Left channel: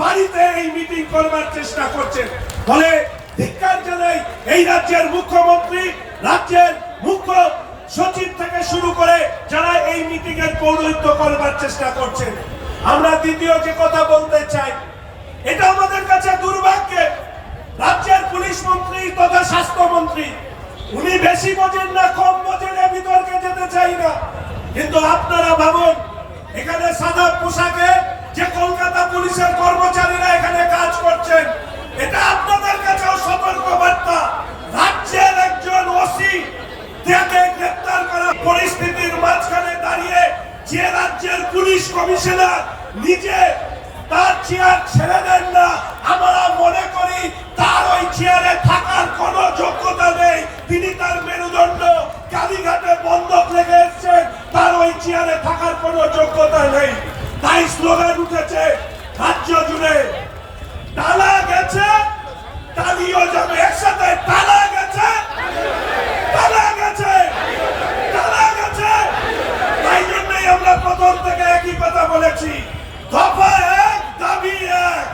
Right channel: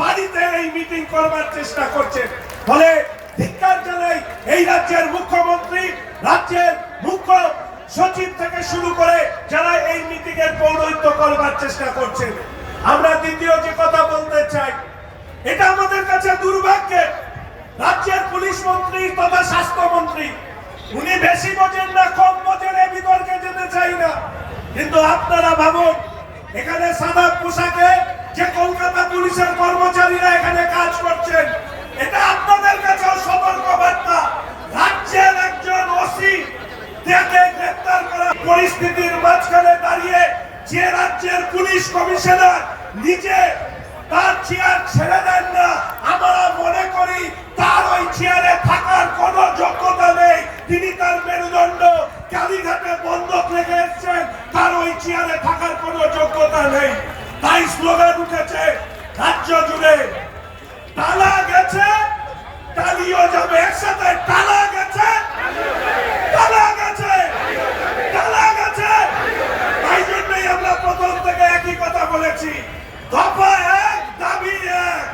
বাড়িতে এই মিটিং করবার চেষ্টা করছেন। ফলে ধিক্কার জানাই এই রাজ্যের মুখ্যমন্ত্রী, রাজ্যের মুখ্য সচিব থেকে শুরু করে যারা এই মিটিং এর পৌরোহিত্য করবার চেষ্টা করছেন। আমরা দ্বিতীয় যে কথা বলতে চাই, এটা আমাদের কাছে দুর্ভাগ্যের, রাজ্যের পুলিশ মন্ত্রী তথা স্বাস্থ্যমন্ত্রী উনি বেশি বোঝেন না কম বোঝেন এ বিতর্কে যেতে চাই না, কিন্তু আপনারা ভাবুন এখানে সাদা পোশাকে যে কলকাতা পুলিশের কর্মচারীরা এখানে কাজ করছেন, এটা আপনাদের কাছেও সতর্ক বার্তা। রাজ্যের একজন ওসি তাকে গ্রেফতার করা পরিস্থিতির মাঝখানে দাঁড়িয়ে যে রাজ্যের পুলিশ কমিশনার নিজে তার চেয়ার ছেড়ে দেন না, আমরা মনে করি তার ওই চেয়ারে থাকার কোনো যোগ্যতা নেই। তিনি তার মেরুদণ্ড কালীঘাটে বন্ধক রেখে এসেছেন, তার ওই চেয়ারে থাকার কোনো যোগ্যতা নেই। তাই স্লোগান উঠেছে রাজ্য জুড়ে, টালা গেছে টালিও যাবে, একসাথে টালা গেছে টালা গেছে টালা গেছে। তাই জন্যই আমরা প্রথম থেকে একই কথা বলেছি, দফা এক দাবি এক।